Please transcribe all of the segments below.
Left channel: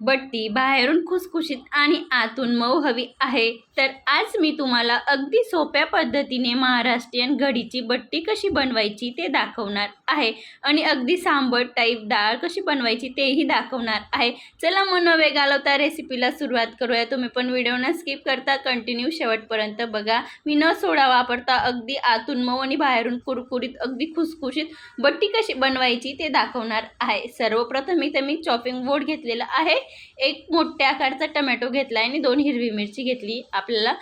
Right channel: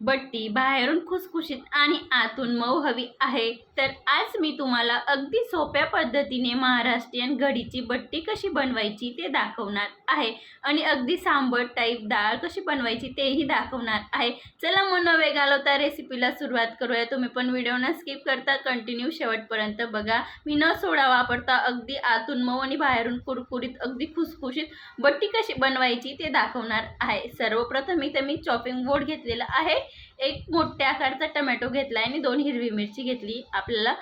बट्टी बाहेरून खुसखुशीत आणि आतून मऊ हवी आहे, तर आज मी तुम्हाला अगदी सोप्या पद्धतीने महाराष्ट्रीयन घडीची बट्टी कशी बनवायची ते दाखवणार आहे आणि अगदी सांबर टाईप डाळ कशी बनवायची तेही दाखवणार आहे. चला मग न वेळ घालवता रेसिपीला सुरुवात करूया. तुम्ही पण व्हिडिओ न स्किप करता कंटिन्यू शेवटपर्यंत बघा. मी न सोडा वापरता अगदी आतून मऊ आणि बाहेरून कुरकुरीत अगदी खुसखुशीत बट्टी कशी बनवायची ते दाखवणार आहे. सर्वप्रथम इथे मी चॉपिंग बोर्ड घेतलेला आहे. एक मोठ्या आकारचा टमॅटो घेतला आहे आणि 2 हिरवी मिरची घेतली. आपल्याला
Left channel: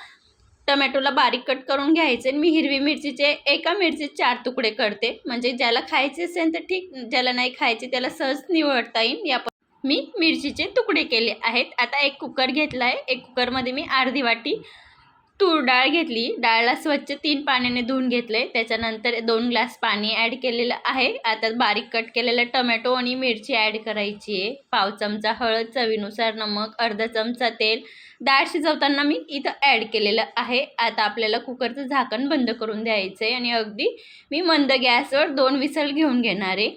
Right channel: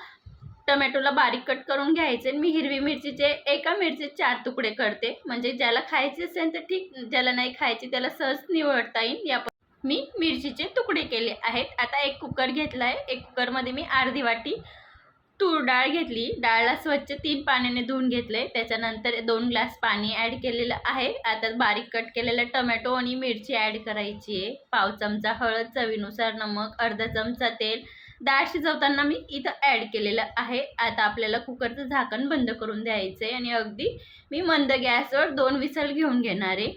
टमॅटोला बारीक कट करून घ्यायचे. मी हिरवी मिरचीचे एका मिरचीचे 4 तुकडे करते, म्हणजे ज्याला खायचे असेल तर ठीक, ज्याला नाही खायचे त्याला सहज निवडता येईल. मी मिरचीचे तुकडे केले आहेत. आता एक कुकर घेतला आहे. एक कुकरमध्ये मी अर्धी वाटी तूर डाळ घेतली. डाळला स्वच्छ 3 पाण्याने धुवून घेतले. त्याच्यानंतर 2 ग्लास पाणी ॲड केलेलं आहे. आता बारीक कट केलेला टोमॅटो आणि मिरची ॲड करायची आहे. पाव चमचा हळद, चवीनुसार नमक, अर्धा चमचा तेल. डाळ शिजवताना मी इथं ॲड केलेलं आहे. आता आपल्याला कुकरचं झाकण बंद करून द्यायचं आहे आणि अगदी मी मंद गॅसवर 2 विसल घेऊन घेणार आहे.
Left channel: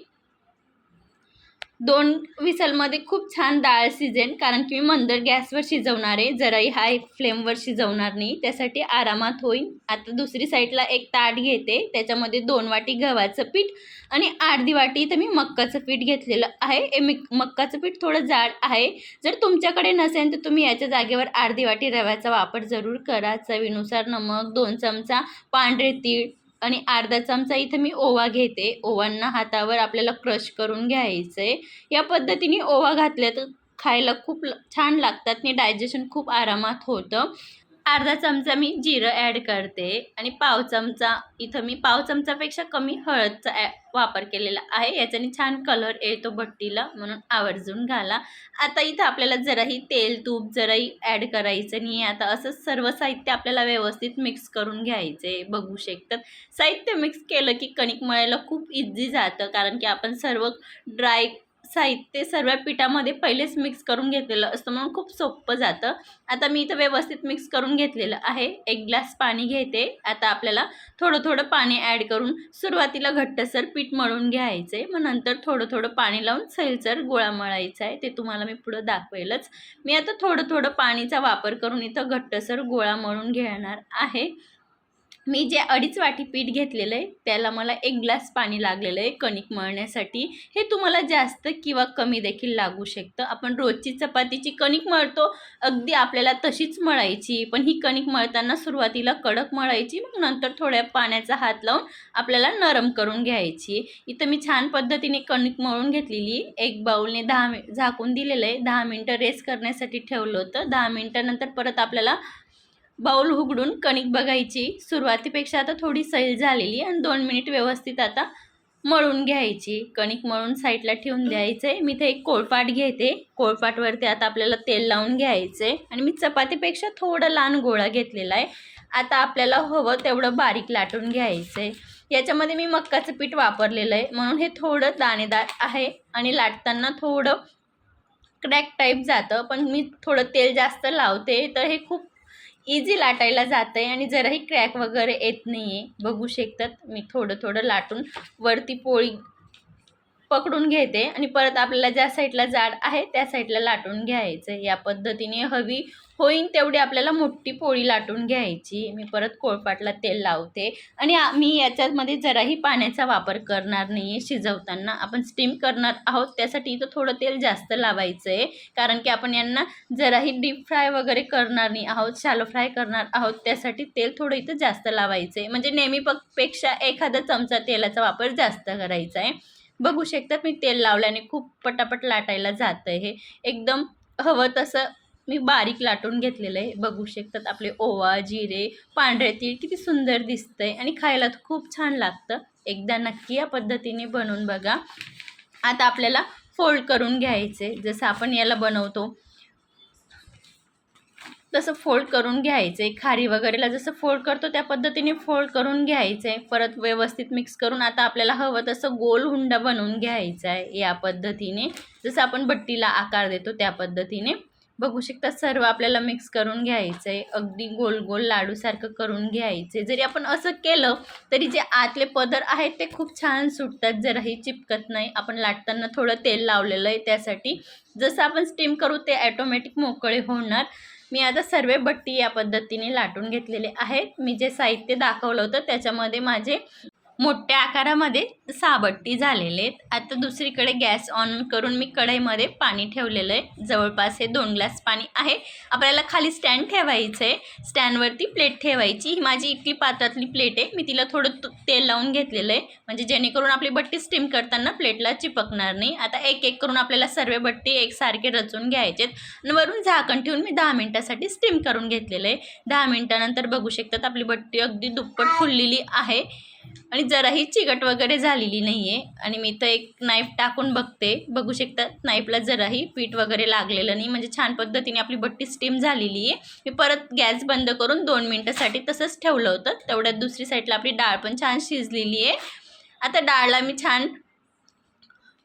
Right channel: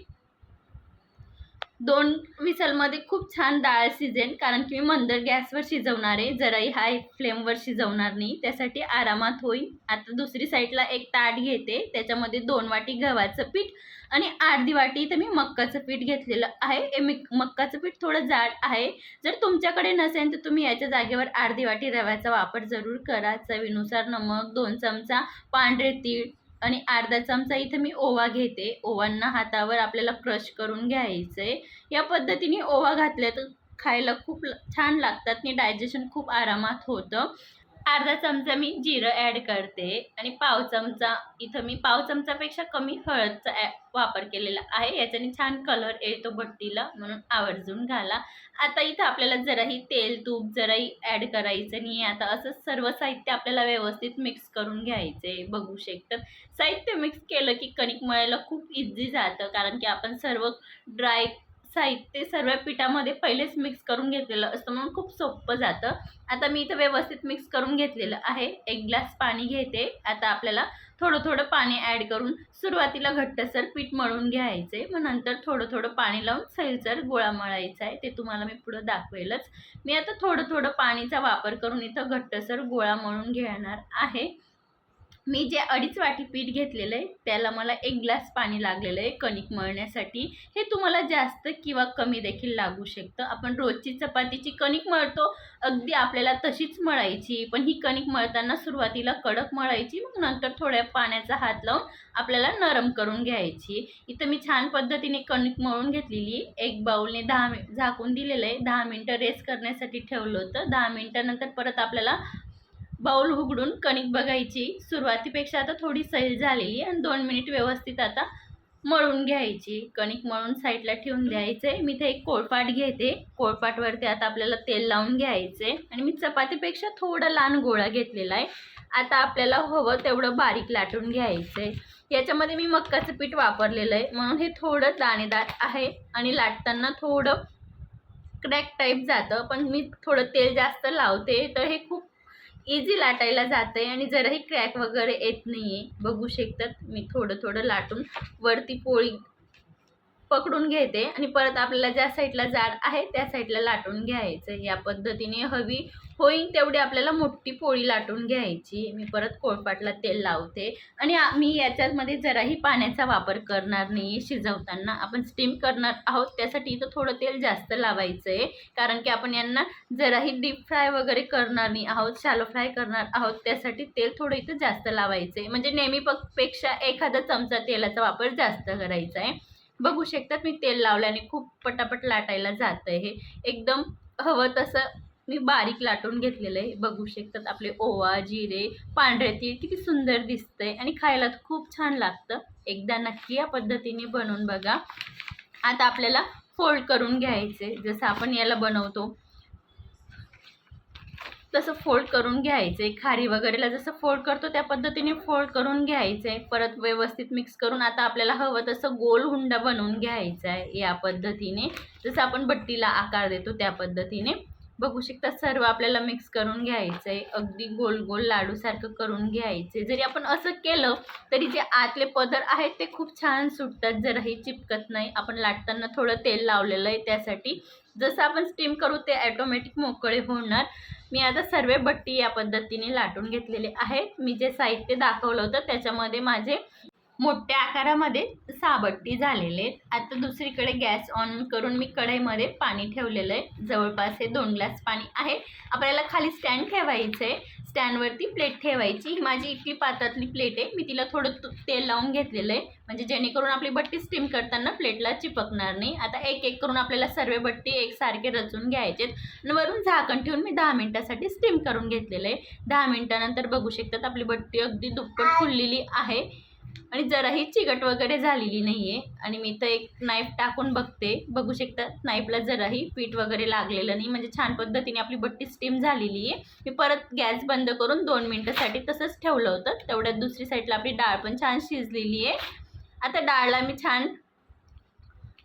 2 विसलमध्ये खूप छान डाळ शिजेल, कारण की मी मंद गॅसवर शिजवणार आहे, जराही हाय फ्लेमवर शिजवणार नाही, त्यासाठी आरामात होईल. आता दुसरी साईडला एक ताट घेते. त्याच्यामध्ये 2 वाटी गव्हाचं पीठ आणि अर्धी वाटी इथं मी मक्काचं पीठ घेतलेलं आहे. मक्काचं पीठ थोडं जाड आहे. जर तुमच्याकडे नसेल तर तुम्ही याच्या जागेवर अर्धी वाटी रव्याचा वापर जरूर करा. चवीनुसार नमक, 2 चमचा पांढरे तीळ आणि अर्धा चमचा इथं मी ओवा घेते. ओवांना हातावर आपल्याला क्रश करून घ्यायचं आहे. या पद्धतीने ओवा घातल्या तर खायला खूप छान लागतात आणि डायजेशन खूप आरामात होतं. अर्धा चमचा मी जिरं ॲड करते आणि पाव चमचा इथं मी पाव चमचापेक्षा कमी हळदचा वापर केलेला आहे. याच्याने छान कलर येतो बट्टीला, म्हणून आवर्जून घाला. आता इथं आपल्याला जराही तेल तूप जराही ॲड करायचं नाही. आता असं सर्व साहित्य आपल्याला व्यवस्थित मिक्स करून घ्यायचे. बघू शकतात साहित्य मिक्स केलं की कणिक मळायला खूप इझी जातं, कारण की आपण सर्व ड्राय साहित्य सर्व पिठामध्ये पहिलेच मिक्स करून घेतलेलं असतं, म्हणून खूप सोपं जातं. आता मी इथं व्यवस्थित मिक्स करून घेतलेलं आहे. 1 ग्लास पाणी घेते. आता आपल्याला थोडं थोडं पाणी ॲड करून सुरुवातीला घट्टसर पीठ मळून घ्यायचं आहे. मग नंतर थोडं थोडं पाणी लावून सैलसर गोळा मळायचा आहे. ते तुम्हाला मी पुढं दाखवेलच. मी आता थोडं थोडं पाणीचा वापर करून इथं घट्टसर गोळा मळून घेणार आहे. मी जे 2.5 वाटी पीठ घेतलेलं आहे त्याला मला 1 ग्लास पाणी लागलेलं आहे कणिक मळण्यासाठी. हे तुम्हाला जास्त किंवा कमी देखील लागू शकतं. आपण रोजची चपातीची कणिक मळतो, अगदी आपल्याला तशीच मळायची, पण ही कणिक मळताना सुरुवातीला कडक मळायची, मग नंतर थोड्या पाण्याचा हात लावून आपल्याला नरम करून घ्यायची. इथं मी छान पद्धतीने कणिक मळून घेतलेली. एक बाउलने 10 झाकून दिलेलं आहे. 10 मिनटं रेस्ट करण्यासाठी ठेवलं होतं. 10 मिनटानंतर परत आपल्याला बाउल उघडून कणिक बघायची. सुरुवातीपेक्षा आता थोडी सैल झालेली आणि 2 मिनिट व्यवस्थित आता मळून घ्यायची. कणिक मळून साईडला ठेवून द्यायचं आहे. मी इथे एक कोळपाट घेते. कोळपाटवरती आता आपल्याला तेल लावून घ्यायचं आहे आणि मी चपातीपेक्षा थोडा लहान गोळा घेतलेला आहे. आता आपल्याला हवं तेवढं बारीक लाटून घ्यायचं आहे. याच्यामध्ये मी मक्काचं पीठ वापरलेलं आहे, म्हणून हे थोडं दाणेदार आहे आणि लाटताना थोडं क्रॅक टाईप जातं, पण मी थोडं तेल जास्त लावते तर हे खूप इझी लाटायला जातं आहे आणि जराही क्रॅक वगैरे येत नाही आहे. बघू शकतात मी थोडं थोडं लाटून वरती पोळी पकडून घेते आणि परत आपल्याला ज्या साईडला जाड आहे त्या साईडला लाटून घ्यायचं. या पद्धतीने हवी होईल तेवढी आपल्याला मोठी पोळी लाटून घ्यायची. मी परत कोळपाटला तेल लावते आणि मी याच्यामध्ये जराही पाण्याचा वापर करणार नाही. शिजवताना आपण स्टीम करणार आहोत, त्यासाठी इथं थोडं तेल जास्त लावायचं आहे, कारण की आपण यांना जराही डीप फ्राय वगैरे करणार नाही आहोत, शॅलो फ्राय करणार आहोत, त्यासाठी तेल थोडं इथं जास्त लावायचं आहे. म्हणजे नेहमी पेक्षा एखादा चमचा तेलाचा वापर जास्त करायचा आहे. बघू शकतात मी तेल लावल्याने खूप पटापट लाटायला जातं. हे एकदम हवं तसं मी बारीक लाटून घेतलेलं आहे. बघू शकतात आपले ओवा, जिरे, पांढरे तीळ किती सुंदर दिसतंय आणि खायला खूप छान लागतं. एकदा नक्की या पद्धतीने बनवून बघा. आता आपल्याला फोल्ड करून घ्यायचे. जसं आपण याला बनवतो तसं फोल्ड करून घ्यायचे. खारी वगैरेला जसं फोल्ड करतो त्या पद्धतीने फोल्ड करून घ्यायचे. परत व्यवस्थित मिक्स करून आता आपल्याला हवं तसं गोल हुंडा बनवून घ्यायचा आहे. या पद्धतीने जसं आपण बट्टीला आकार देतो त्या पद्धतीने. बघू शकता सर्व आपल्याला मिक्स करून घ्यायचं आहे. अगदी गोल गोल लाडूसारखं करून घ्यायचे. जरी आपण असं केलं तरी जे आतले पदर आहेत ते खूप छान सुटतात, जराही चिपकत नाही. आपण लाटताना थोडं तेल लावलेलं आहे त्यासाठी. जसं आपण स्टीम करू ते ॲटोमॅटिक मोकळे होणार. मी आता सर्व बट्टी या पद्धतीने लाटून घेतलेले आहेत. मी जे साहित्य दाखवलं होतं त्याच्यामध्ये माझे मोठ्या आकारामध्ये 6 बट्टी झालेले आहेत. आता दुसरीकडे गॅस ऑन करून मी कढईमध्ये पाणी ठेवलेलं आहे. जवळपास हे 2 ग्लास पाणी आहे. आपल्याला खाली स्टँड ठेवायचं आहे. स्टँडवरती प्लेट ठेवायची. ही माझी इतकी पात्रातली प्लेट आहे. मी तिला थोडं तेल लावून घेतलेलं आहे, म्हणजे जेणेकरून आपली बट्टी स्टीम करताना प्लेटला चिपकणार नाही. आता एक एक करून आपल्याला सर्व बट्टी एकसारखे रचून घ्यायचे आणि वरून झाकण ठेवून मी 10 मिनिटासाठी स्टीम करून घेतलेलं आहे. 10 मिनिटानंतर बघू शकतात आपली बट्टी अगदी दुप्पट फुललेली आहे आणि जराही चिकट वगैरे झालेली नाही आहे. आणि मी तर एक नाईफ टाकून बघते, बघू शकता नाईफला जराही पीठ वगैरे लागलेलं नाही, म्हणजे छान पद्धतीने आपली बट्टी स्टीम झालेली आहे. मी परत गॅस बंद करून 2 मिनिटासाठी तसंच ठेवलं होतं. तेवढ्यात दुसरी साईडला आपली डाळ पण छान शिजलेली आहे. आता डाळला मी छान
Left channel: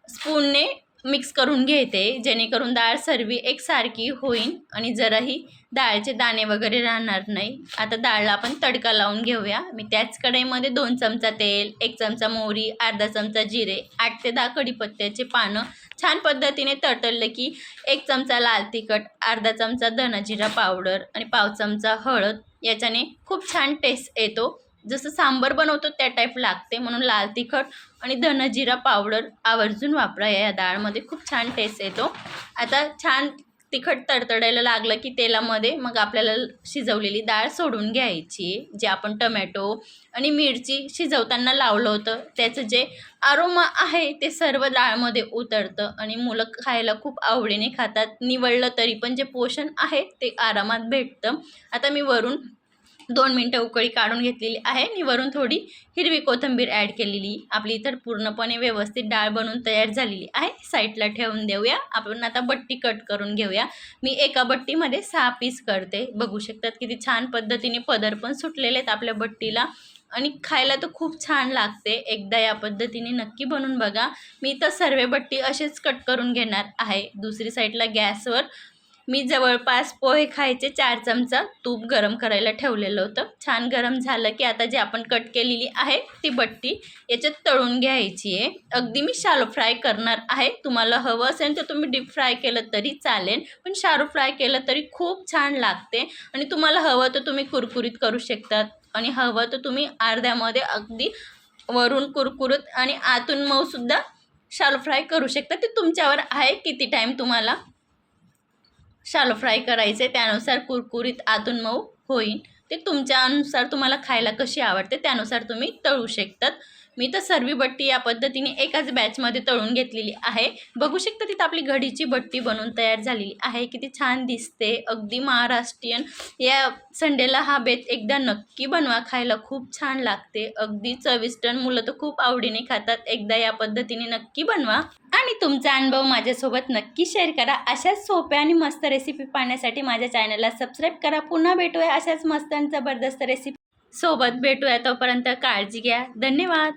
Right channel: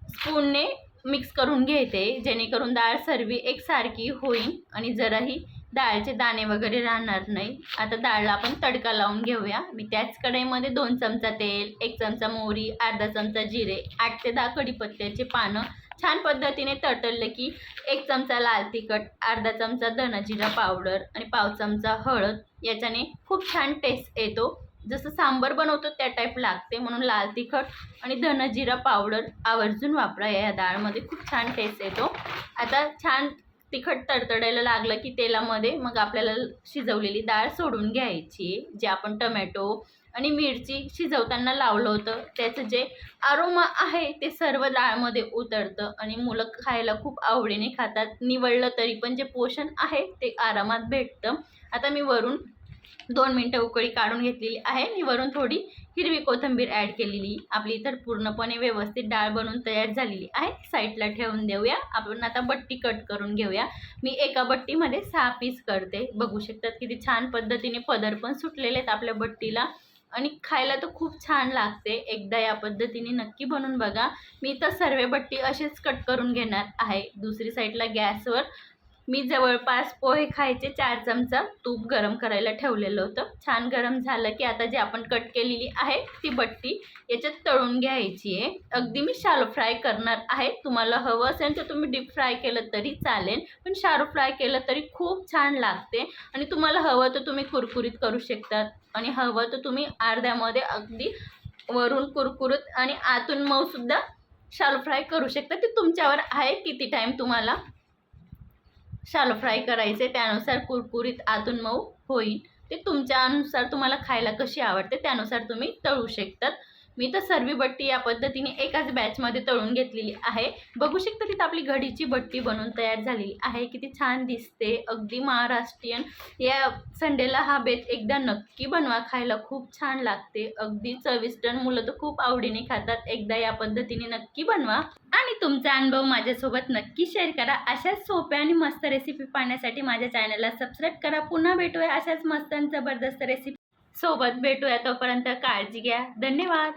स्पूनने मिक्स करून घेते, जेणेकरून डाळ सर्व एकसारखी होईल आणि जराही डाळचे दाणे वगैरे राहणार नाही. आता डाळला आपण तडका लावून घेऊया. मी त्याच कढईमध्ये 2 चमचा तेल, 1 चमचा मोहरी, अर्धा चमचा जिरे, 8 ते 10 कढीपत्त्याचे पानं छान पद्धतीने तडतडले की 1 चमचा लाल तिखट, अर्धा चमचा धना-जिरा पावडर आणि पाव चमचा हळद. याच्याने खूप छान टेस्ट येतो. जसं सांबर बनवतो त्या टाईप लागते, म्हणून लाल तिखट आणि धना-जिरा पावडर आवर्जून वापरा. या डाळमध्ये खूप छान टेस्ट येतो. आता छान तिखट तडतडायला लागलं की तेलामध्ये मग आपल्याला शिजवलेली डाळ सोडून घ्यायची. जे आपण टमॅटो आणि मिरची शिजवताना लावलं होतं त्याचं जे अरोमा आहे ते सर्व डाळमध्ये उतरतं आणि मुलं खायला खूप आवडीने खातात. निवडलं तरी पण जे पोषण आहे ते आरामात भेटतं. आता मी वरून 2 मिनटं उकळी काढून घेतलेली आहे आणि वरून थोडी हिरवी कोथिंबीर ॲड केलेली. आपली तर पूर्णपणे व्यवस्थित डाळ बनवून तयार झालेली आहे. साईडला ठेवून देऊया. आपण आता बट्टी कट करून घेऊया. मी एका बट्टीमध्ये 6 पीस करते. बघू शकतात किती छान पद्धतीने पदर पण सुटलेले आहेत आपल्या बट्टीला आणि खायला तर खूप छान लागते. एकदा या पद्धतीने नक्की बनवून बघा. मी तर सर्व बट्टी असेच कट करून घेणार आहे. दुसरी साईडला गॅसवर मी जवळपास पोहे खायचे 4 चमचा तूप गरम करायला ठेवलेलं होतं. छान गरम झालं की आता जे आपण कट केलेली आहे ती बट्टी याच्यात तळून घ्यायची आहे. अगदी मी शॅलो फ्राय करणार आहे. तुम्हाला हवं असेल तर तुम्ही डीप फ्राय केलं तरी चालेल, पण शॅलो फ्राय केलं तरी खूप छान लागते. आणि तुम्हाला हवं तर तुम्ही कुरकुरीत करू शकतात आणि हवं तर तुम्ही अर्ध्यामध्ये अगदी वरून कुरकुरीत आणि आतून मऊसुद्धा शॅलो फ्राय करू शकता. ते तुमच्यावर आहे किती टाईम तुम्हाला शॅलो फ्राय करायचे, त्यानुसार कुरकुरीत आतून मऊ होईल. ते तुमच्या अनुसार तुम्हाला खायला कशी आवडते त्यानुसार तुम्ही तळू शकतात. मी तर सर्व बट्टी या पद्धतीने एकाच बॅचमध्ये तळून घेतलेली आहे. बघू शकता तिथं आपली घडीची बट्टी बनवून तयार झालेली आहे. किती छान दिसते, अगदी महाराष्ट्रीयन. या संडेला हा बेत एकदा नक्की बनवा, खायला खूप छान लागते, अगदी चविष्ट. मुलं तर खूप आवडीने खातात. एकदा या पद्धतीने नक्की बनवा आणि तुमचा अनुभव माझ्यासोबत नक्की शेअर करा. अशाच सोप्या आणि मस्त रेसिपी पाहण्यासाठी माझ्या चॅनलला सबस्क्राईब करा. पुन्हा भेटूया अशाच मस्त आणि जबरदस्त रेसिपी सोबत. भेटूया, तोपर्यंत काळजी घ्या. धन्यवाद.